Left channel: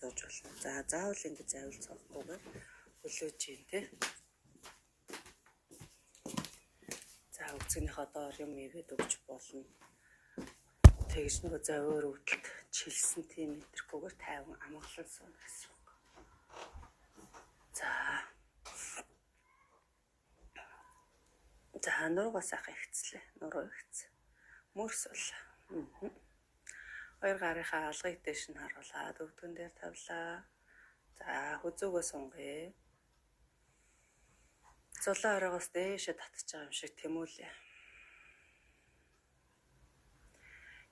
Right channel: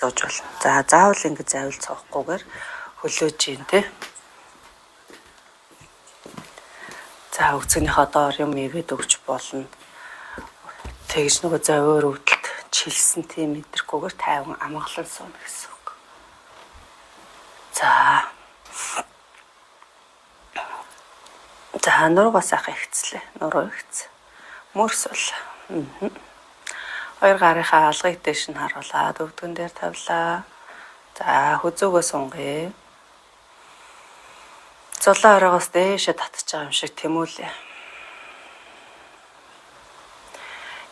сууж болно. За заавал ингэ завил цоохгүйгээр хөлөөж гин тэ. За өгцгийнхаа доор юм игээд өгч болно. Тэгж нөгөө зовиор өвдөлт чилсэн тийм мэдрэхгүйгээр тайван амгалан сууна гэсэн үг. За нуруугаас ахаа ихцлээ. Нуруу ихц. Мөрс бол. Хоёр гарынхаа алгыг дэш нь харуулаад өвдгөн дээр тавилаа. За хүзүүгөө сунгая. Зулаа оройгоос дээшээ татчих байгаа юм шиг тэмүүлээ.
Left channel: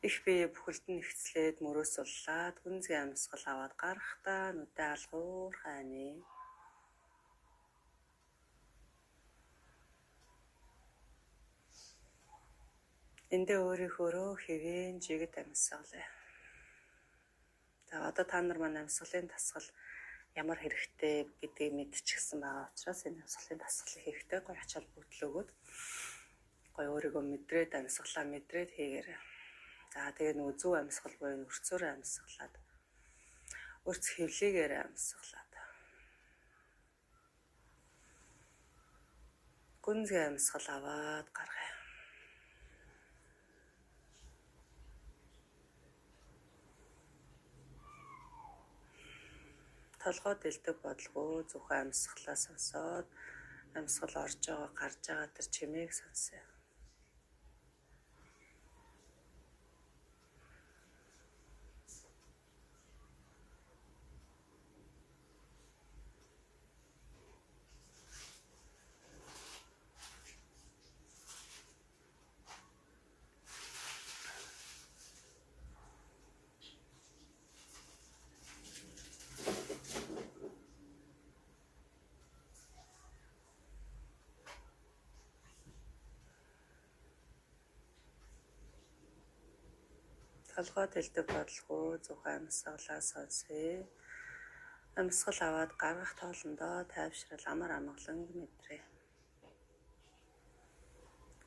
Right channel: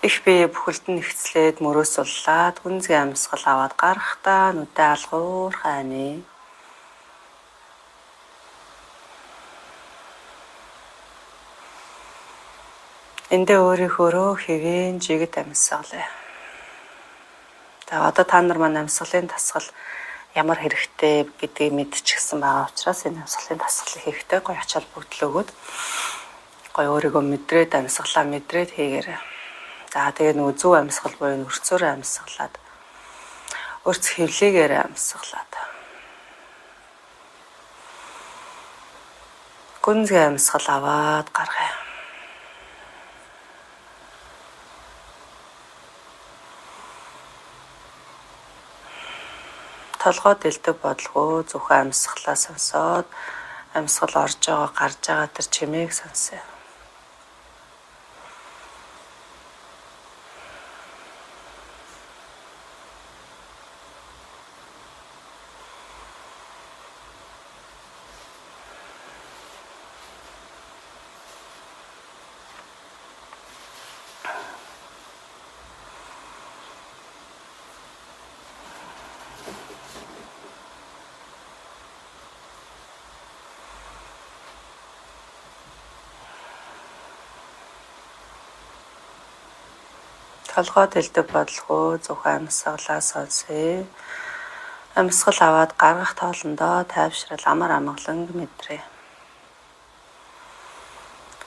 Их бие бүхэлд нь ихцлээд мөрөөс суллаад гүнзгий амьсгал аваад гарахдаа нүдээ алгуур хайны. Эндээ өөрийнхөөрөө хэвэн жигд амьсгалаа. За одоо та нар маань амьсгалын тасгал ямар хэрэгтэй гэдгийг мэдчихсэн байгаа учраас энэ амьсгалын тасгалыг хийхдээ гоё ачаал бүгдл өгөөд гоё өөрийгөө мэдрээд амьсгалаа мэдрээд хийгээрэй. За тэгээ нөгөө зөв амьсгал буюу өрцөөрөө амьсгалаад өрц хэвлийгээр амьсгалаад гүнзгий амьсгал аваад гаргая. Толгой дэлдэг бодлого зөвхөн амьсгалаа сонсоод амьсгал орж байгаа гарч байгаа тэр чимээг сонсъё. Толгой дэлдэг бодлого зөвхөн амьсгалаа сонсъё. Амьсгал аваад гаргах тоолондоо тайвшрал амар амгалан мэдрээ.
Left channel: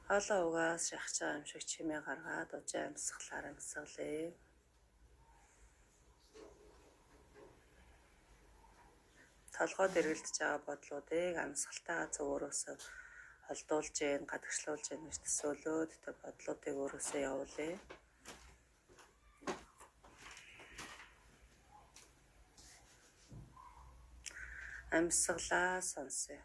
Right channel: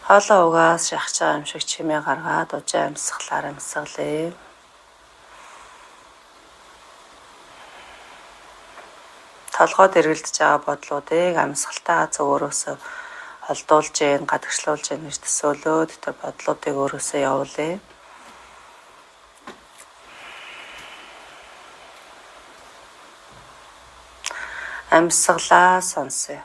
Хоолоо угаас шахаж байгаа юм шиг чимээ гаргаад ужаа амьсгалаар амьсгалъя. Толгойд эргэлдэж байгаа бодлуудыг амьсгалтаа зөвөрөөсөө холдуулж гин гадагшлуулж гин гэж төсөөлөөд тэр бодлуудыг өөрөөсөө явуулъя. Амьсгалаа сонсъё.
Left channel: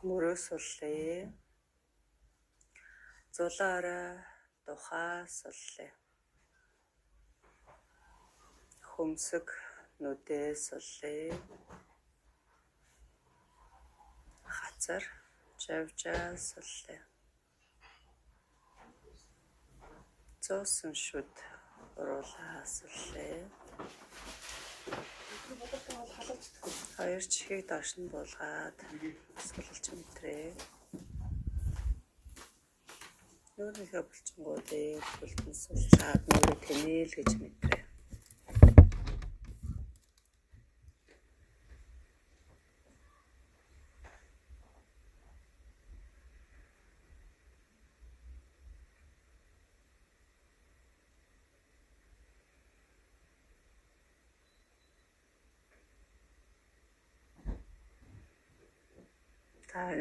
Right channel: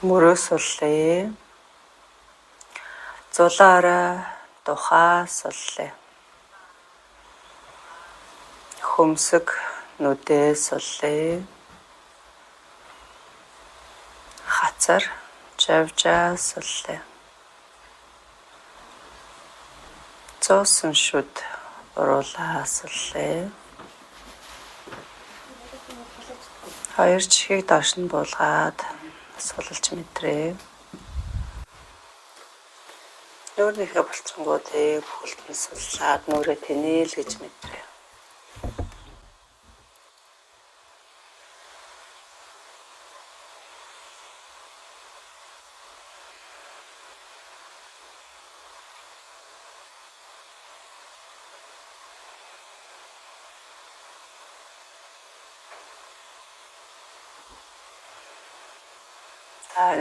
Мөрөөс суллъя. Зулаараа тухаа суллъя. Хөмсөг нүдээ суллъя. Хацар жавжаа суллъя. Зоосон шүд уруулаа суллъя. Хоёр чихийг доош нь буулгаад сулж мэдрээ. Нүүрнийхээ булчингуудыг бүхэлд нь суллаад нүрээ тэнээл гэж мэдрээ.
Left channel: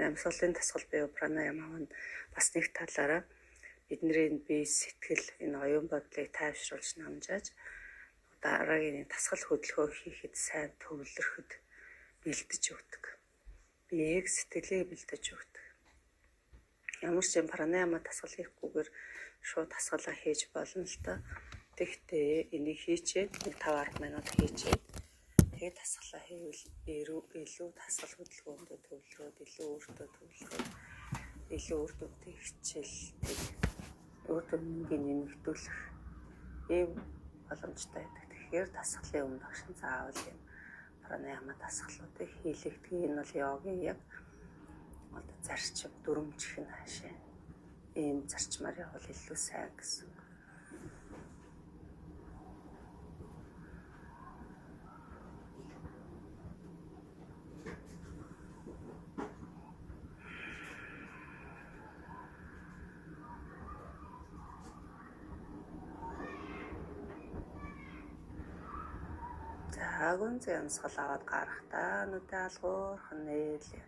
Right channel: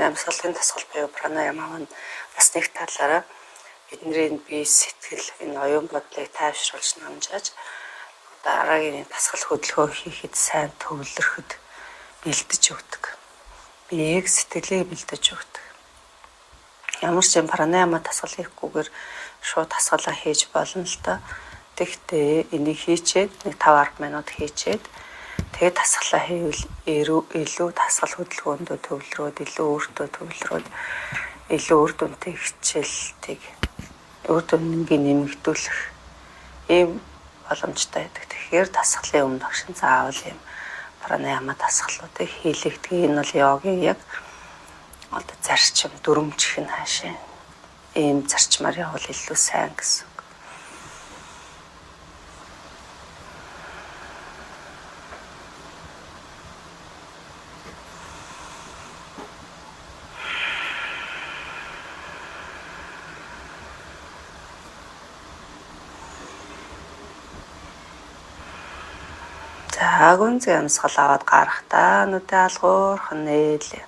Амьсгалын тасгал буюу пранаяма маань бас нэг талаараа бидний бие сэтгэл энэ оюун бодлыг тайвшруулж намжааж дараагийн тасгал хөдөлгөөн хийхэд сайн төвлөрөхөд бэлдэж өгдөг. Биеийг сэтгэлийг бэлдэж өгдөг. Ямар ч юм пранаяма тасгал хийхгүйгээр шууд тасгалаа хийж болно л та. Тэгэхдээ энийг хийчээд нэг 5-10 минут хийчээд тэгээд дасгалаа хийвэл илүү дасгал хөдөлгөөндөө төвлөрөөд илүү өөртөө төвлөрөөд илүү үр дүнтэй хичээлтийг үр дүннийг нэмэгдүүлэх ийм боломжтой байдаг. Тэгэхээр дасгалын өмнө багш заавал юм пранаяма дасгалуудыг хийлэгдэг. Энэ бол йогийн яг одоо зарчим дүрмжих нь хаашаа ийм зарчмаар явал илүү сайн гэсэн. За гүнзгий амьсгал аваад гарахдаа нүдээ алгуурхан нээлээ.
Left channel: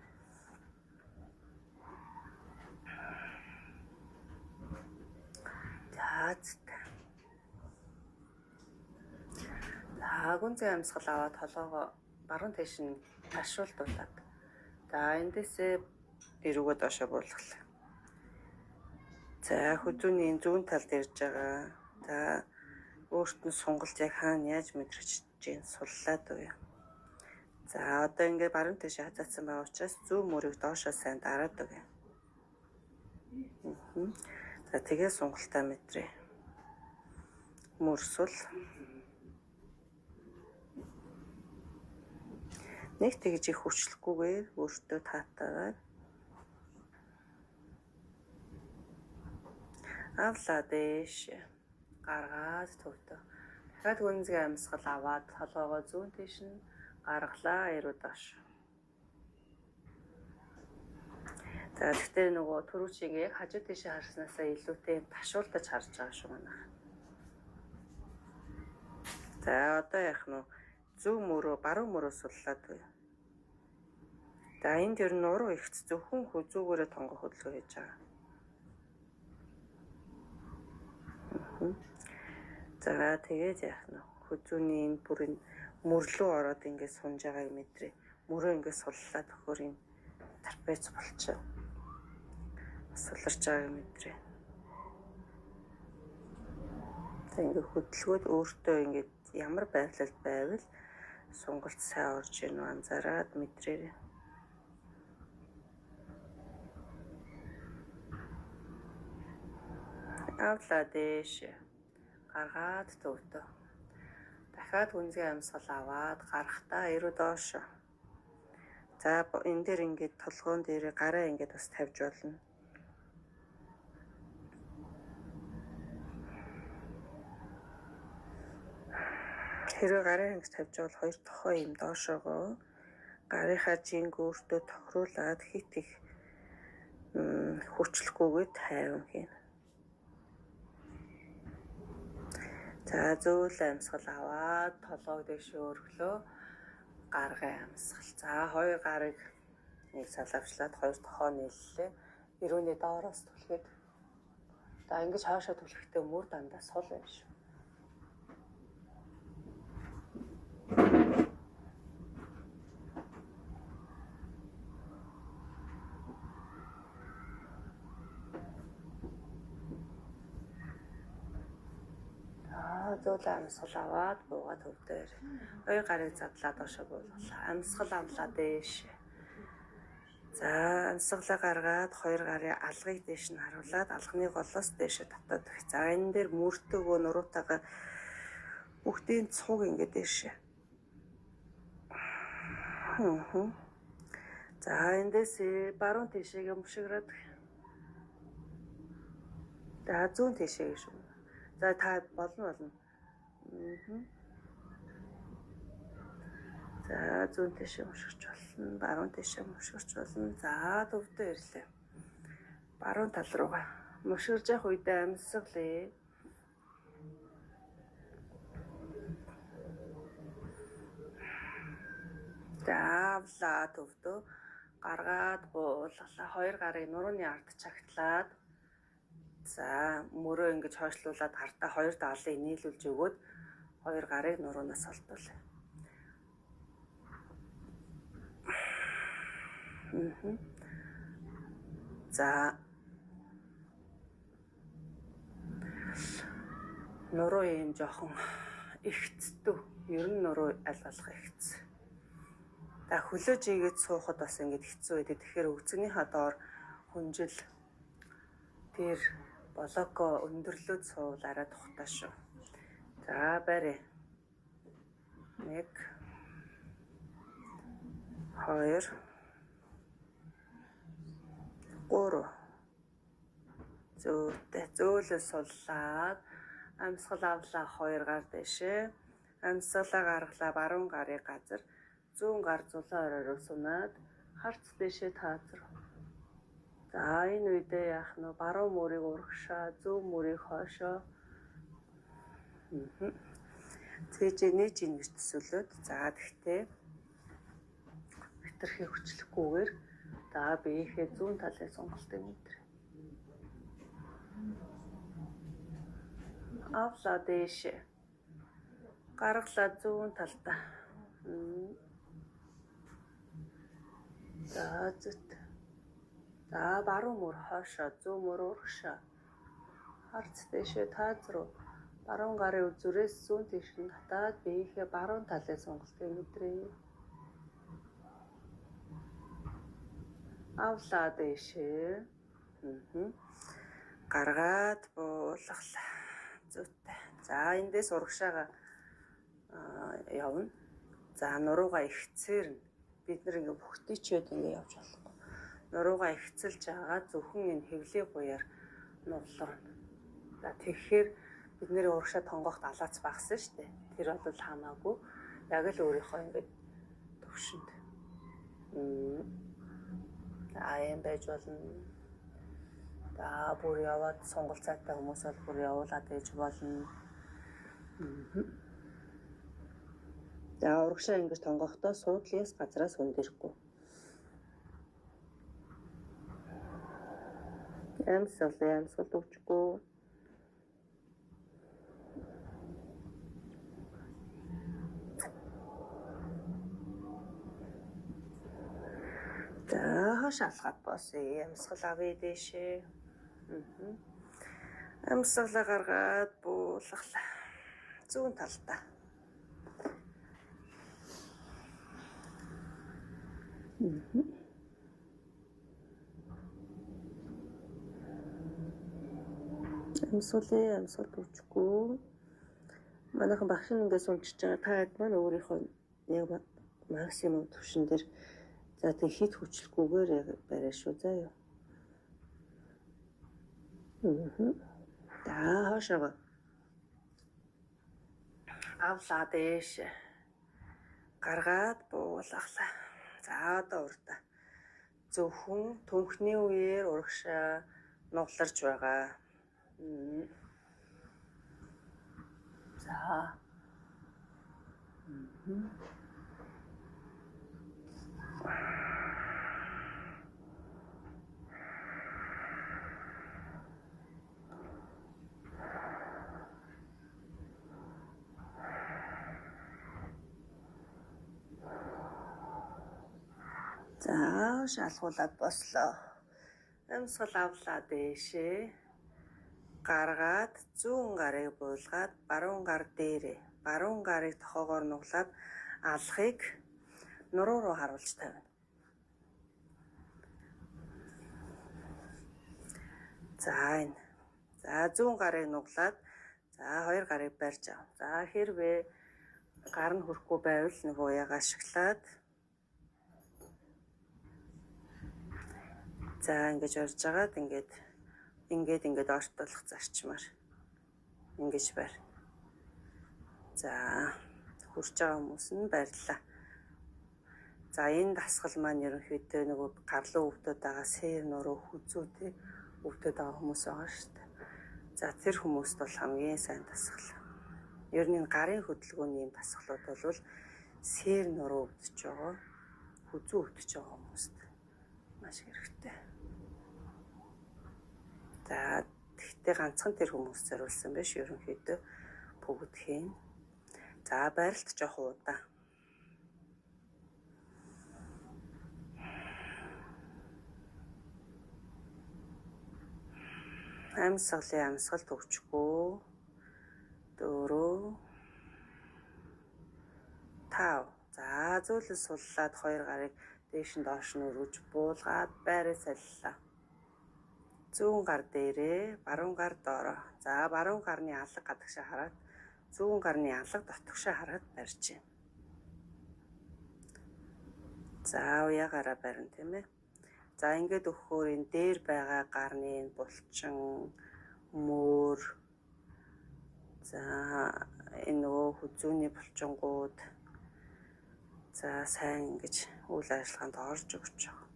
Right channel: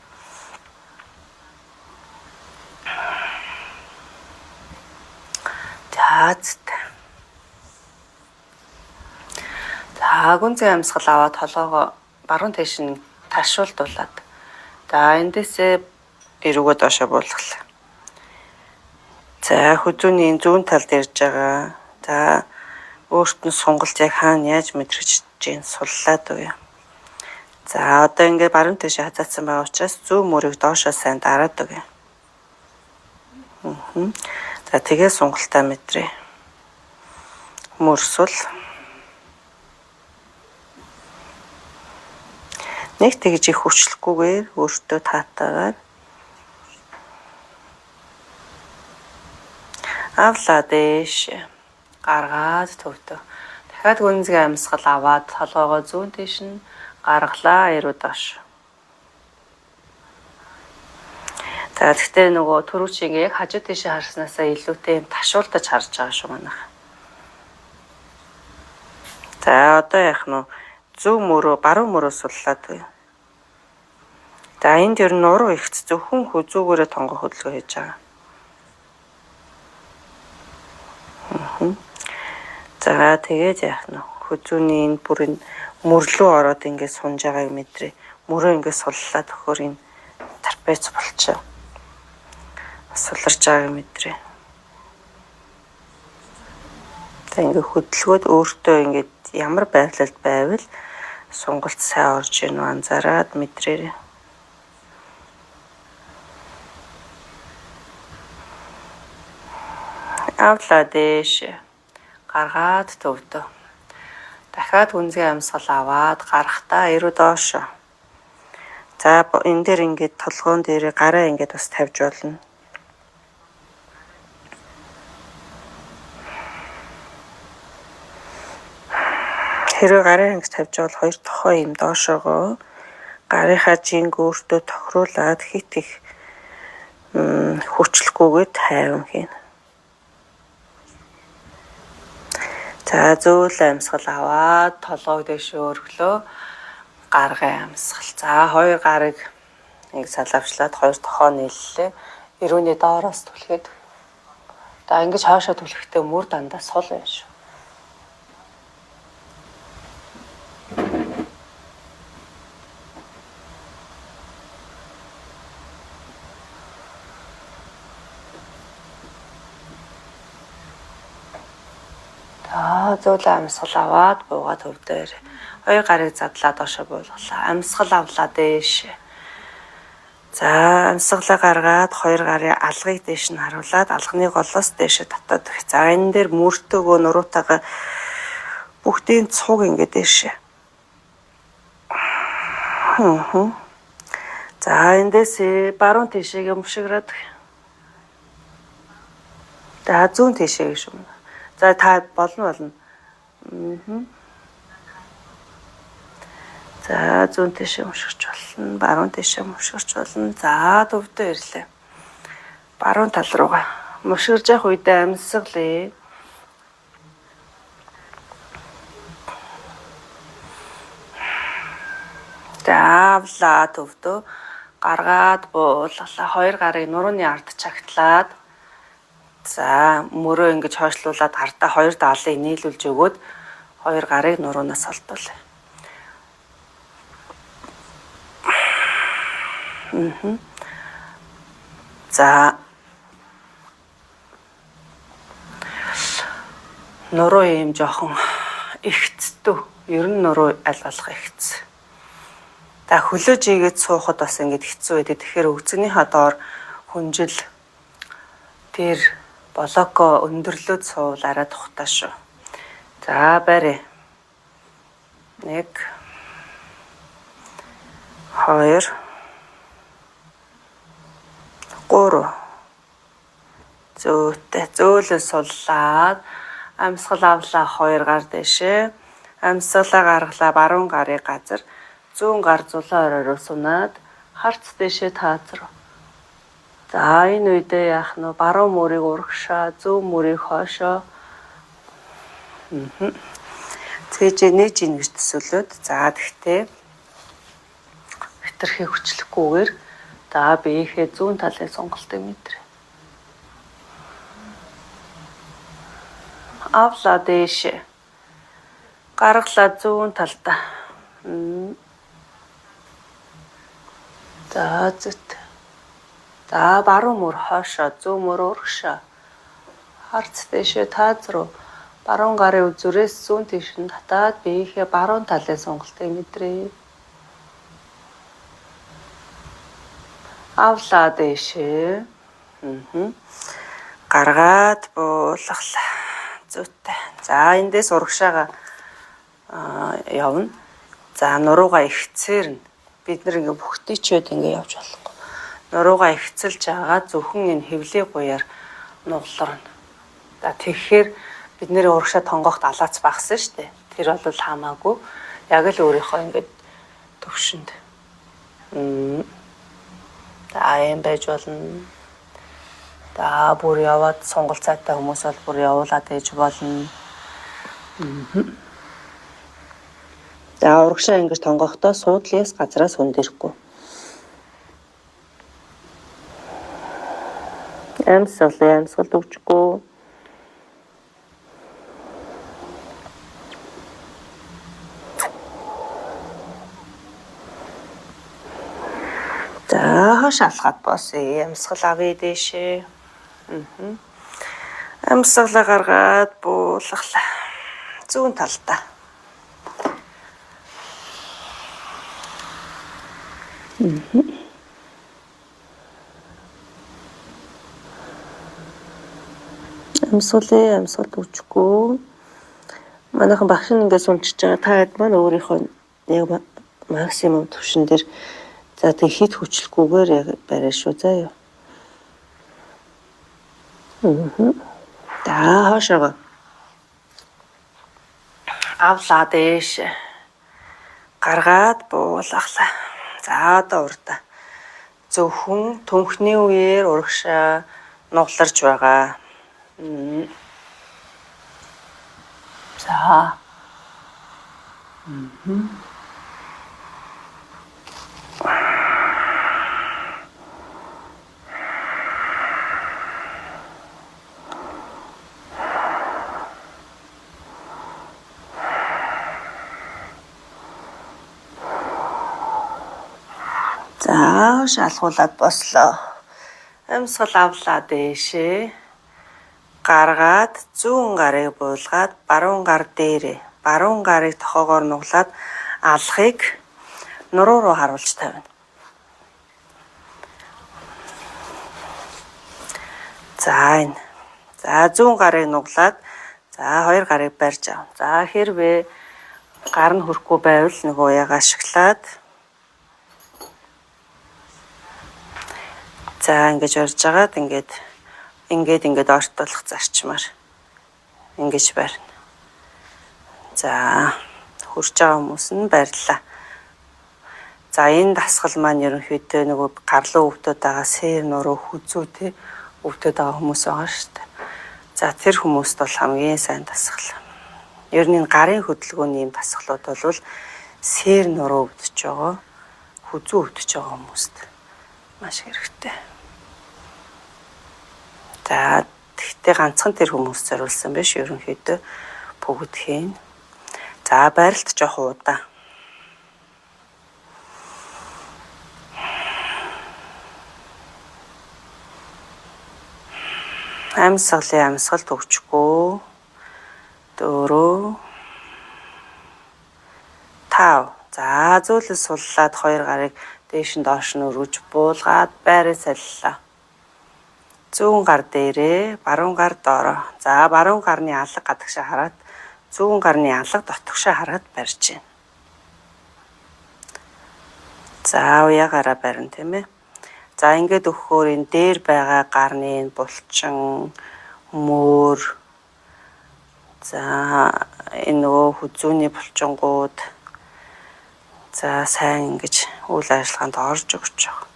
За гүнзгий амьсгал аваад толгоогоо баруун тийш нь ташуулдуулаад. За эндээсээ эрүүгөө доошоо буулгалаа. За хүзүүний зүүн талд ирж байгаа. За өөрт нь сонголт яг хаана яаж мэдрэж чинь суллаад уу. За одоо ингээд баруун тийш хазаацсан байгаа учраас зүүн мөрийг доошоо сайн дараад өгье. За тэгээ сунгалтаа мэдрээ. Мөрсөл. Нэг тэгж их хүчлэхгүйгээр өөртөө таатаагаар авлаа дээш гаргаад төвдөө. Дахиад гүнзгий амьсгал аваад толгоогоо зүүн тийш нь гаргалаа эрүү доош. За тэгтээ нөгөө түрүүчийг яг хажуу тийшээ харснаасаа илүүтэй юм ташуулдаж харж байгаа шүү манайх. За одоо яах нь зүүн мөрөө баруун мөрөө суллаад байна. За энд ер нь уруу ихц зөвхөн хүзүүгээрээ тонгоо хөдөлгөөн хийж байгаа. За тэгээд яах нь хүзүүний энэ бүрийн мөрлөө ороод ингээд сунж байгааг мэдрээ. Мөрөө ингээд суллаад өгөхөр энэ трапез болчихоо. Суларч байгааг мэдрээ. За ингээд хөдөлгөөд өөртөө ингээд ямар байдлаар байвал сонголт сайн орж ийн анзаараад мэдрээрэй. Авлаа дээш гаргаад төвдөө. Дахиад гүнзгий амьсгал аваад гарахдаа эрүү доошоо. За энэ дээр ингээд толгоон дээр гараа ингээд бас тавьж болно. Хэрвээ гараа ингэж тавьж бол хоёр тохой юм доошоогоо гарынхаа жинг өөртөө тохируулаад хит их хүчлэхгүйгээр тайван хийнэ. За зөөл амьсгал аваад толгойг дэш өргөлөө гаргын амьсгал. За хоёр гарыг нэг салавчлаад хоёр тохоо нийллээ. Эрүүний доороос түлхээд. За ингэж хаашаа түлхэхдээ мөр дандаа сул байна шүү. Зөөл амьсгал аваад буугаад төвдөр. Хоёр гарыг задлаад доошоо буулгалаа. Амьсгал авлаа дээш. За амьсгалаа гаргаад хоёр гарын алгыг дээш нь харуулад алганы голоос дээшээ татаад өгөх. За энэ дээр мөртөөгөө нуруутайгаа бүгдийн цуг ингээд дээшээ. За эндээс баруун тийшээ өмшиграад. За зүүн тийшээ гэж юм. За та болно. За зүүн тийшээ өмшгөрч болно. Баруун тийшээ өмшгөрч болно. За төвдөө ирлээ. Баруун тал руугаа өмшгөрж явах үедээ амьсгалъя. За авлаа төвдөө гаргаад буулгалаа. Хоёр гарыг нурууны ард чагтлаад. За мөрөө ингэж хойшлуулад гартаа хоёр даалыг нийлүүлж өгөөд хоёр гарыг нуруунаас олдуулъя. За нуруу юм жоохон ихцдүү. Ер нь нуруу аль болох ихц. За хөлөөж ийгээд суухад бас ингэж хэцүү байдаг. Тэгэхээр өгзөгнийхаа доор хүнжил тэр блоко өндөрлөөд суувал арай тухтай шүү. За барь. 1 2 3 зөөтэй зөөлөө суллаад амьсгал авлаа 2 гар дэшээ. Амьсгалаа гаргалаа баруун гарын газар зүүн гар зулаа оройроо сунаад харц дэшээ таазар. За энэ үедээ яах нь баруун мөрийг урагшаа, зүүн мөрийг хойшоо. Цээжээ нээж ийн гэж төсөөлөд. За тэгтээ хитрхи хүчлэхгүйгээр за биеийнхээ зүүн талын сонголтыг мэдрээ. Авлаа дэшээ. Гаргалаа зүүн талдаа. За зүт. За баруун мөр хойшоо, зүүн мөр урагшаа. Харц дэшээ таазруу. Баруун гарын үзүүрээс зүүн тийш нь татаад биеийнхээ баруун талын сонголтыг мэдрээ. Авлаа дэшээ. Гаргаад буулгалаа. Зүйтэй. За эндээс урагшаага явна. За нуруугаа ихцээр нь бид нэг ингээ бүхтийчээд ингээ явж болохгүй. Нуруугаа ихцэлж байгаа зөвхөн энэ хөвлийн гуяар нугларна. За тэгэхээр бид нэр урагшаа тонгоохт алаац багсан шүү дээ. Тэр бол хамаагүй. Яг л өөрийнхөө ингээд төвшөнд. За юм байж болно. За бүр яваад сонголт цайтай хүмүүс бол бүр явуулаад ээж болно. За урагшаа ингэж тонгохдоо суудлаас газраас хөндөхгүй. Амьсгал өгчгүй. За хаш алхаад босъё. Амьсгал авъя дэшээ. Амьсгалаа гаргаад буулгалаа. Зүүн талдаа. Амьсгал өгчгүй. Манайхан багш нь ингээд сунчиж байгаа. Та хэд маань өөрийнхөө яг максимум төвшин дээр за тэг хит хүчлэхгүйгээр яг барай шүү заа юу. За хашаага. Авлаа дэш. Гаргаад буулгалаа. За одоо урдаа. Зөвхөн түнхний үеэр урагшаа нугларч байгаа. За. За шалгуулад бослоо. Амьсгал авлаа дэшээ. Гаргаад зүүн гарыг буулгаад баруун гар дээрээ. Баруун гарыг тохоогоор нуглаад алхахыг нуруу руу харуулж тавина. За энэ. За зүүн гарыг нуглаад за хоёр гарыг барьж ав. За хэрвээ гар нь хүрэхгүй байвал нөгөө яг ашиглаад за ингэж орж агаад ингээд ортолох зарчмаар ингэж барина. За хурж байгаа хүмүүс нь барьлаа. За энэ дасгал маань ерөнхийдөө нөгөө гарлуу өвдөд байгаа сэр нуруу хүзүү те өвдөд байгаа хүмүүс байгаа шүү дээ. За тэр хүмүүст бол хамгийн сайн дасгал. Ер нь гарын хөдөлгөөний юм дасгалууд бол сэр нуруу өвдөж байгаа, хүзүү өвдөж байгаа хүмүүст маш хэрэгтэй. За тэгтээ ганцхан тэр хүмүүс зориулсан биш ерөнхийдөө бүгдхийн. За байралт жоох удаа. Амьсгалын амьсгалт өгчгүй. За зөөлөн суллаад хоёр гарыг дээш нь доош нь өргөж буулгаад байраа солилоо. Зүүн гар дээрээ, баруун гар доороо. За баруун гарны алга гадагшаа хараад зүүн гарны алга дотгошоо хараад барьж байна. За уяагаараа барина тийм ээ. За ингээд өгөхөөр энэ дээр байгаа гарны булчин, мөр, за энэ нөгөө хүзүүний булчингууд за сайн ингэж үйл ажиллагаанд орж өгч байгаа.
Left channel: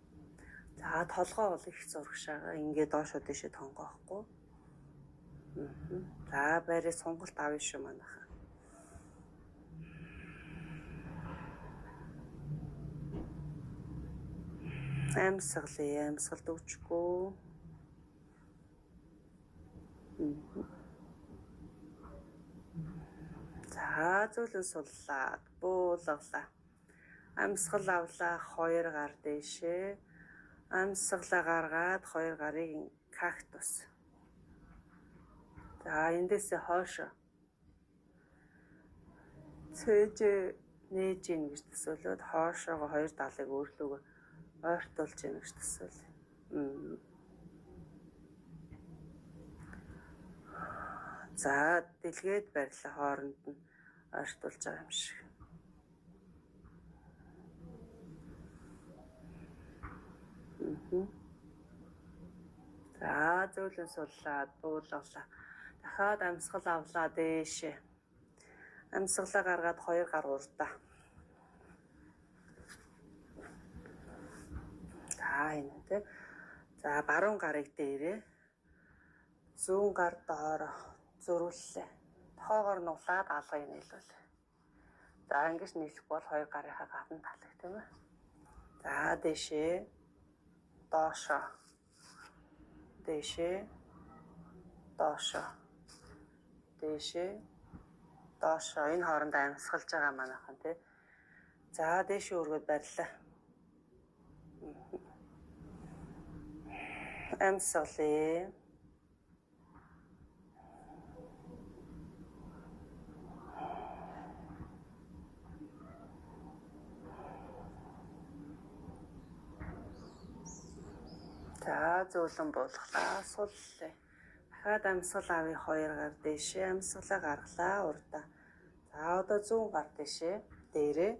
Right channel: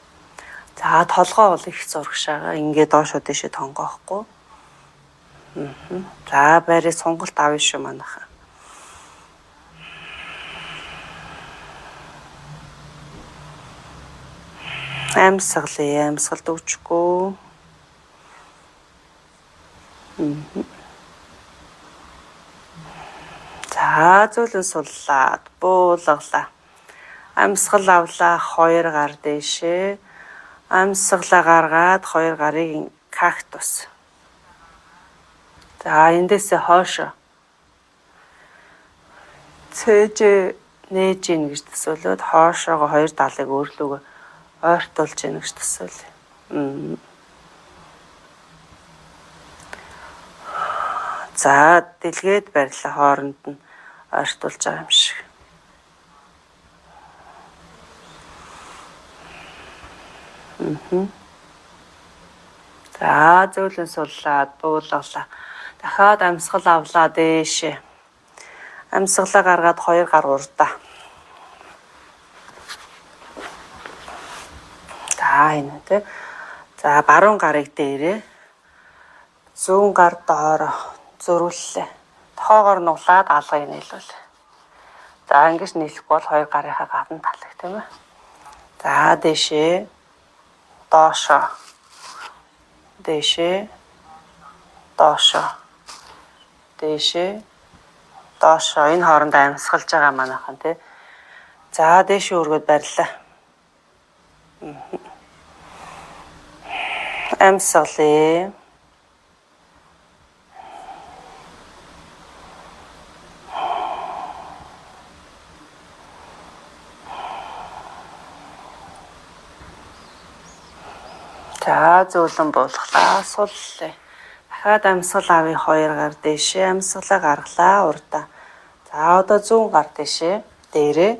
За толгоо бол их зурагшаага ингээд доошоо дэшээ тонгоохгүй. За байрыг сонголт авъя шүү манайхаа. Амьсгалд өгчгүй. За зөөлөн суллаад буулгалаа. Амьсгал авлаа хоёр гар дээшээ. Амьсгалаа гаргаад хоёр гарыг кактус. За эндээсээ хоошо. Цээж нээж ийн гэж төсөөлөд хоошоогоо хоёр талыг өөрлөгөө ойртуулж ийн гэж төсөөлье. За дэлгээд барилаа хооронд нь ойртуулж байгаа юм шиг. За зөөлөн суллаад буулгалаа. Дахиад амьсгал авлаа дээшээ. Амьсгалаа гаргаад хоёр гар урдаа. За энэ тий. За баруун гарыг дээрээ. Зүүн гар доороо зөрүүллээ. Тохоогоор нуглаад алгыг нийлүүлээ. За ингэж нийлэхгүй бол хоёр гарынхаа гадна талыг тийм ээ. За дээшээ доошоо. Дээшээ доошоо. Дээшээ доошоо. Энэ хоорондоо амьсгалж байгаа манайхан тий. За дээшээ өргөд барилаа. Амьсгалээ. За зөөлөн буулгалаа суллаа. Дахиад амьсгал авъя хоёр гар дээшээ. Амьсгалаа гаргалаа урдаа. За одоо зүүн гар дээшээ дээрээ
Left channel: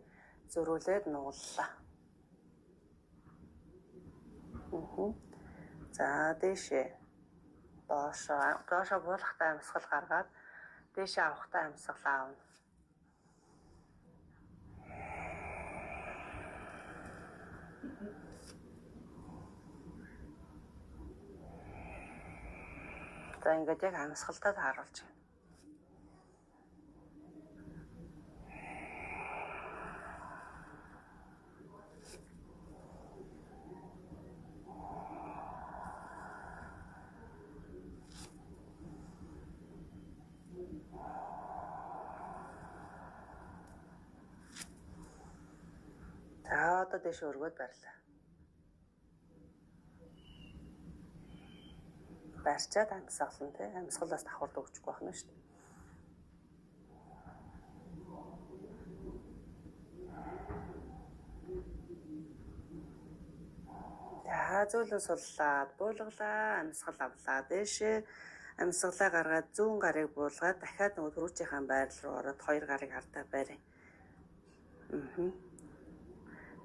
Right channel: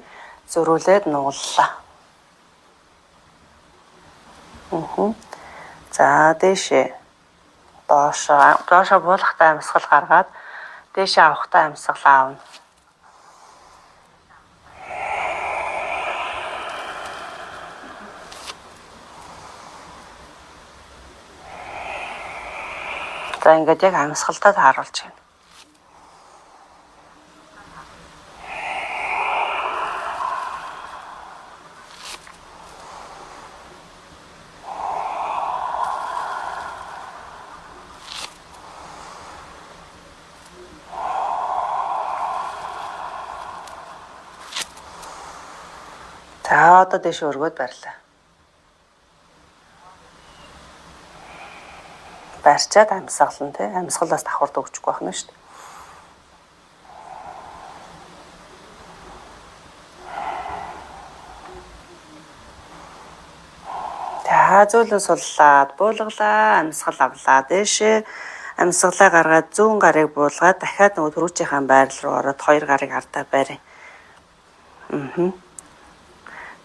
зөрүүлээд нуглалаа. За дээшээ доошоо буулгатай амьсгал гаргаад дээшээ авахтай амьсгал аавна. За ингээд яг амьсгалтай тааруулж байна. За одоо дээш өргөд барилаа. Барьчаад амьсгалан тий. Амьсгалаас давхард өгчихгүй байна шүү дээ. За зөөлөн суллаад буулгалаа, амьсгал авлаа дээшээ. Амьсгалаа гаргаад зүүн гарыг буулгаад дахиад нөгөө түрүүчийн байрал руу ороод хоёр гарыг ардаа барь.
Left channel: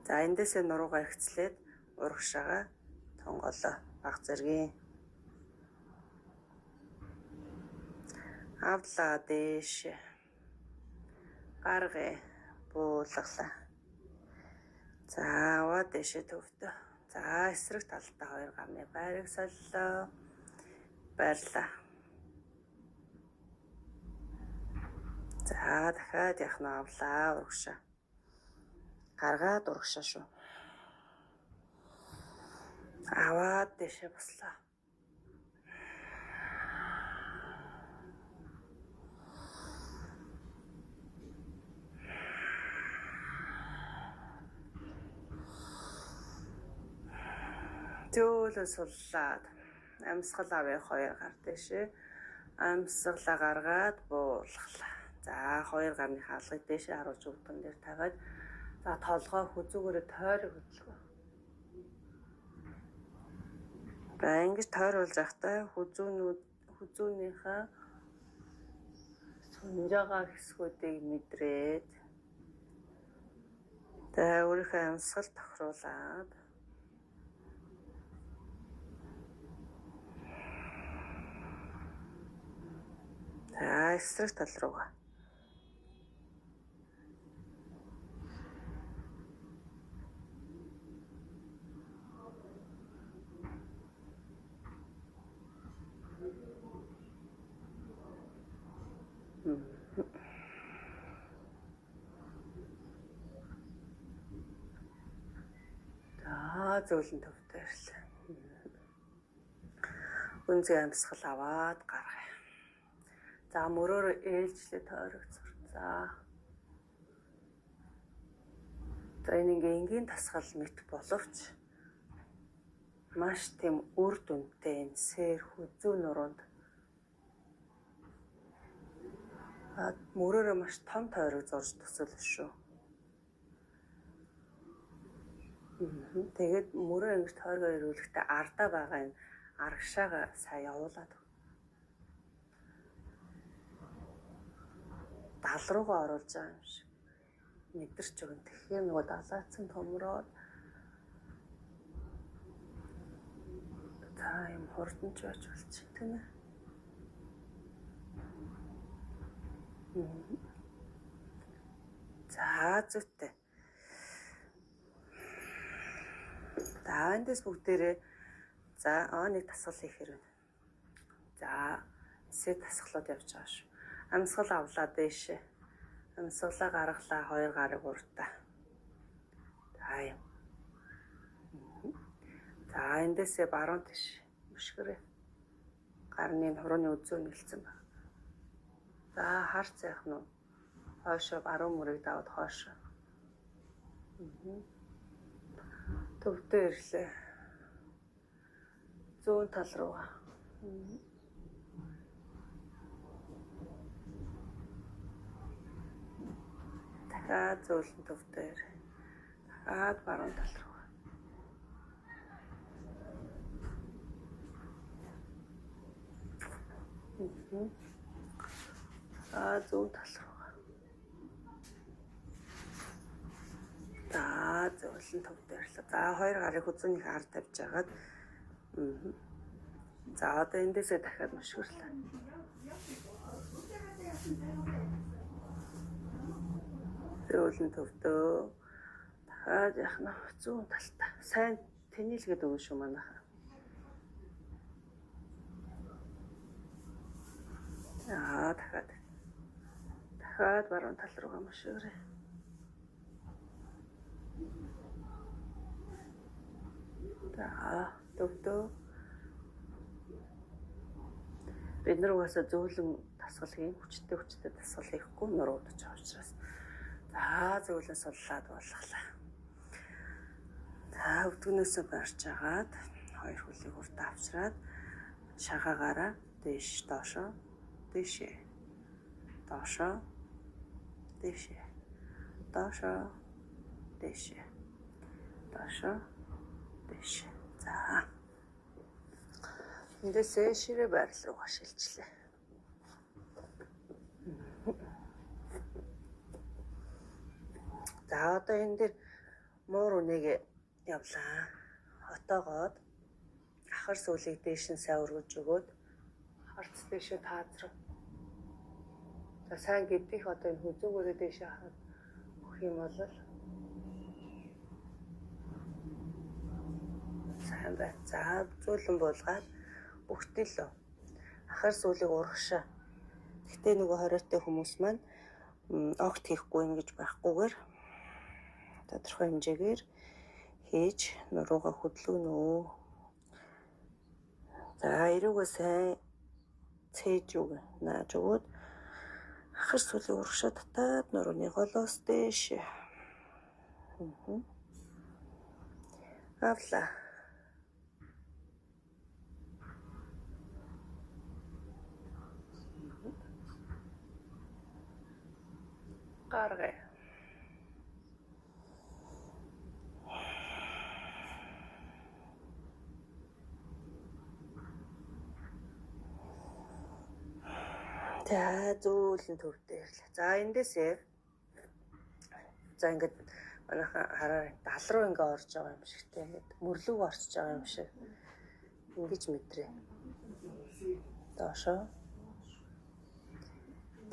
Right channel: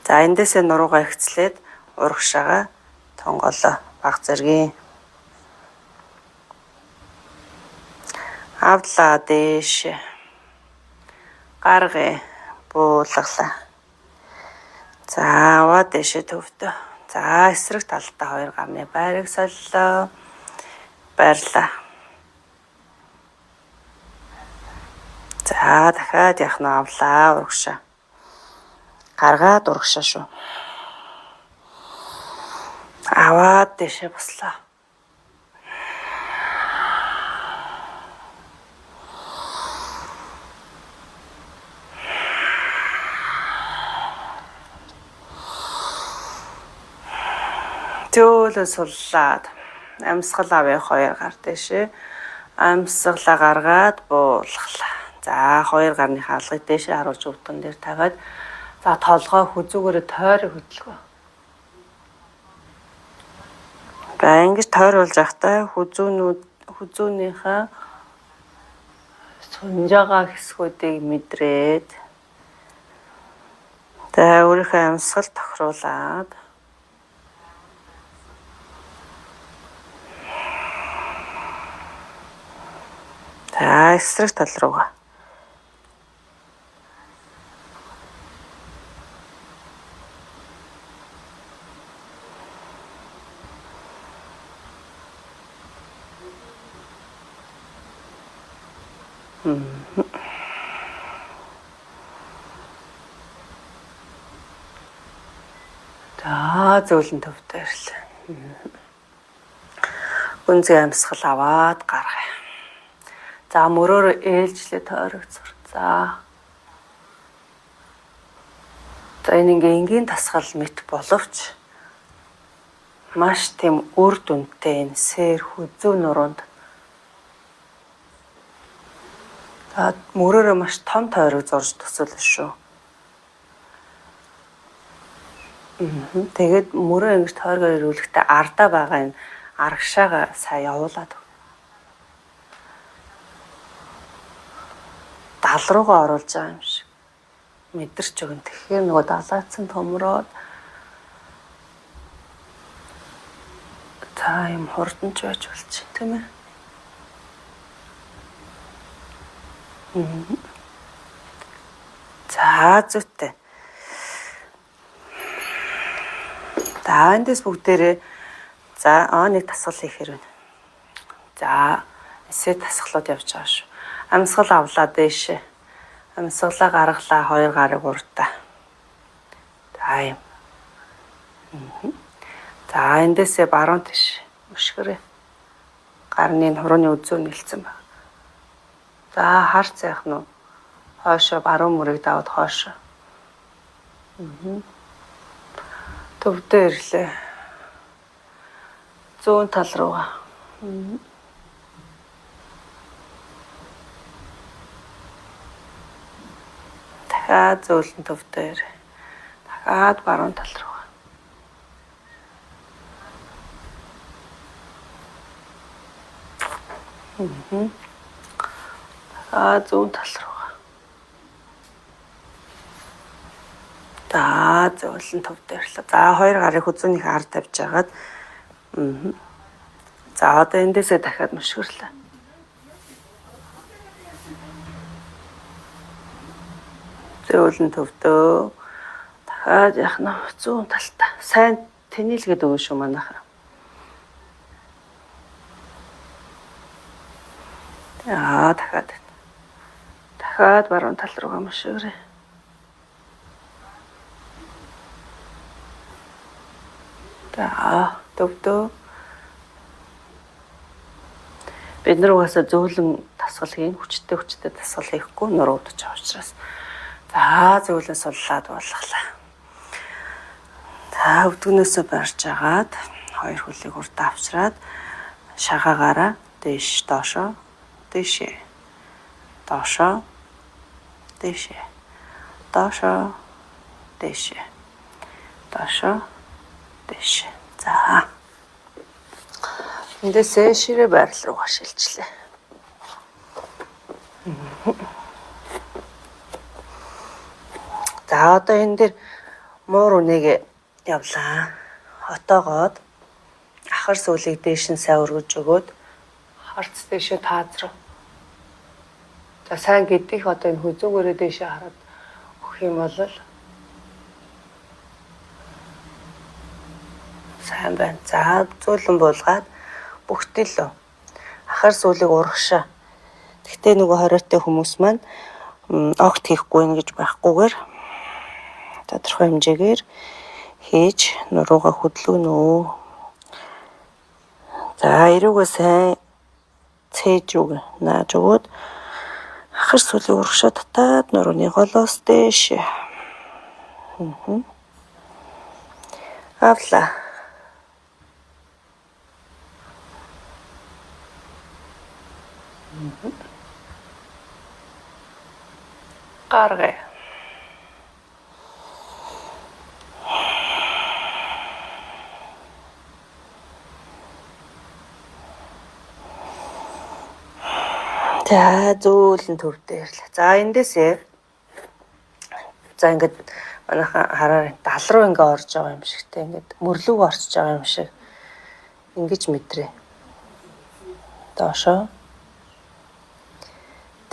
За эндээсээ нуруугаа ихцлээд урагшаага тонголоо баг зэргийн. Авлаа дээш. Гаргая буулгалаа. За аваа дээшээ төвдөө. За эсрэг талдаа хоёр гарны байрыг солилоо. Барьлаа. За дахиад яхна авлаа урагшаа. Гаргаад урагшаа шүү. Аваад дэшээ буслаа. Зөөлөн суллаад амьсгал авъя хоёр гар дэшээ. Амьсгалаа гаргаад буулгалаа. За хоёр гарны хаалгыг дээшээ харуулж өвдгөн дээр тавиад За толгой хүзүүгээрээ тойрог хөдөлгөө. За ингэж тойруулж явахдаа хүзүүнийхээ сунж байгаа хэсгүүдийг мэдрээд за өөрийнхөө амьсгал тохируулаад за эсрэг тал руугаа за зөөлөн төвтэй ирлээ. Гүнзгий амьсгал аваад гаргая. За мөрөөрөө ээлжлээ тойрогцор. За энэ ингээ энгийн тасгал мэт боловч маш тийм үр дүнтэй энэ сэр хүзүү нуруунд мөрөөрөө маш том тойрог зурж төсөөлнө шүү. Тэгээд мөрөө ингэж тойргоор ирүүлэхдээ ардаа байгаа энэ аргашаага сайн явуулаад дал руугаа оруулж байгаа юм шиг мэдэрч өгнө. Тэгэхээр нөгөө далайцсан томроод та юм хурданч байж болчих тийм ээ. За зүйтэй. За эндээс бүгдээрээ за нэг тасгал хийх хэрэг. За эсээ тасгалууд явж байгаа шүү. Амьсгал авлаа дээшээ. Амьсгалаа гаргалаа 2 гарыг уртаа. За юм. За эндээсээ баруун тийш өшгөрөө. Гарны хурууны үзүү нэлсэн байна. За харц яах нь хойшоо баруун мөрийг даваад хойшоо. Төвдөө ирлээ. Зүүн тал руугаа. Дахиад зөөлөн төвдөө ир. Дахиад баруун тал руугаа. Дахиад зүүн тал руугаа. За зөөлөн төвдөө ирлээ. За 2 гарыг хүзүүнийх ард тавьж агаад. За одоо эндээсээ дахиад мөшгөрлөө. Зөөлөн төвдөө. Дахиад яах нь зүүн талтаа. Сайн тэнэлгээд өгнө шүү манайхаа. За дахиад баруун тал руугаа мөшгөрөө. За төвдөө. Бид нар угаасаа зөөлөн тасгал хийн хүчтэй тасгал хийхгүй нуруудаж байгаа учраас за зөөлөн суллаад болголаа. За өвдгнөөсөө барьж агаад 2 хөлийг урдаа авчраад шагаагаараа дээш доошоо дээшээ доошоо дээшээ доошоо дээшээ доошоо дээшээ. За эндээсээ ширээ байрал руугаа шилжлээ. За одоо энэ дээр муур үнэгээ явлаа. Хотоогоод ахар сүүлийг дээш нь сайн өргөж өгөөд харц дээшээ таазрав. За сайн гэдгийг одоо энэ хүзүүгээрээ дээшээ хараад өгөх юм бол сайн байна. За зөөлөн буулгаад бүгтэлөө ахар сүүлийг урагшаа. Гэхдээ нөгөө хориотой хүмүүс маань огт хийхгүй нэ гэж байхгүйгээр тодорхой хэмжээгээр хийж нуруугаа хөдлөгнөө. За эрүүгээ сайн цээж үг нааж өгөөд ахар сүүлийг урагшаа татаад нурууны голоос дээш. Авла. Гаргая. За зөөлөн төвдөө ирлээ. За эндээсээ за ингээд манайхан хараа дал руу ингээ орж байгаа юм шигтэй ингээд мөрлөг орчиж байгаа юм шиг ингэж мэдрээ. Доошоо.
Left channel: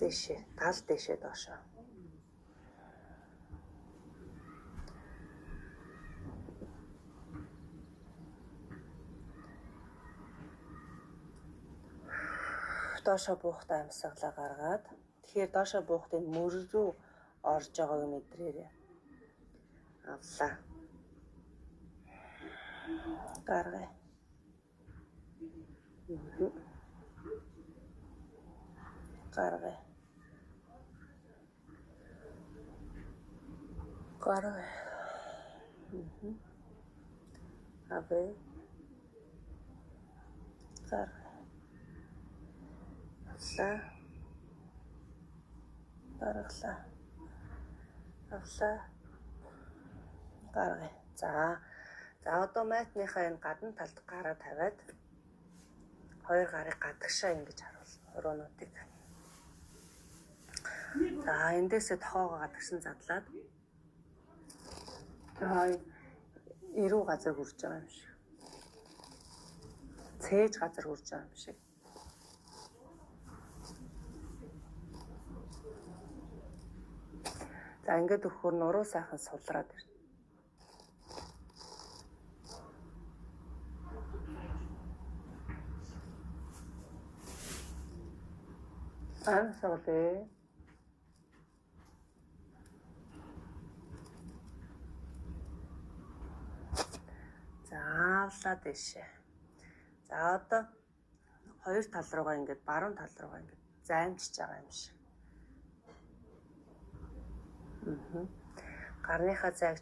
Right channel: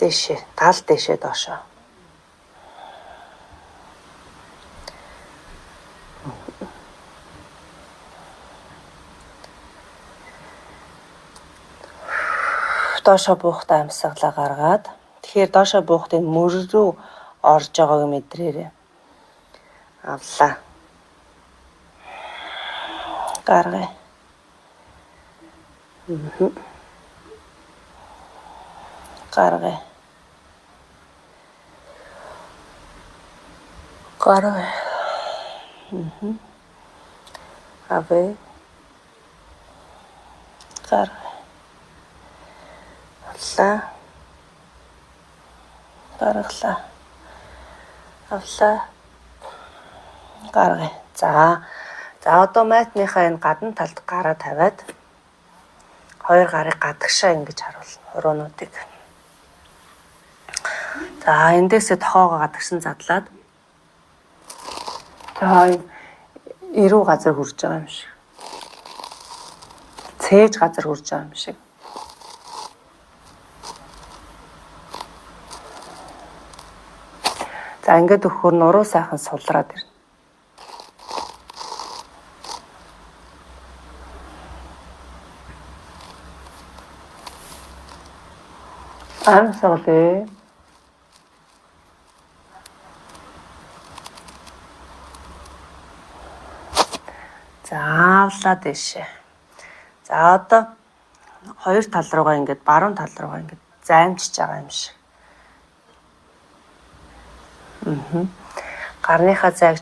Дэшээ, тал дэшээ доошоо. Доошоо буухтаа амьсгалаа гаргаад тэгэхээр доошоо буухтын мөр рүү орж байгааг мэдрээрээ. Авлаа. Гаргая. Гаргая. Гаргая. Авъя. Гаргая. Авлаа. Гаргалаа. Авлаа. Гаргая. За одоо майтныхаа энэ гадна талд гараа тавиад хоёр гарыг гадагшаа ингэж харуулна. Хуруунуудыг. За эндээсээ тохоогоо гадагшин задлаад за эрүү газар хүрж байгаа юм шиг. Цээж газар хүрж байгаа юм шиг. За ингээд өгөхөр нуруу сайхан сулраад ирнэ. Амьсгалээ. Заавлаа дэшээ. За одоо хоёр тал руугаа ингээд баруун тал руугаа ингээд займчиж байгаа юм шиг. Гарныхаа зайг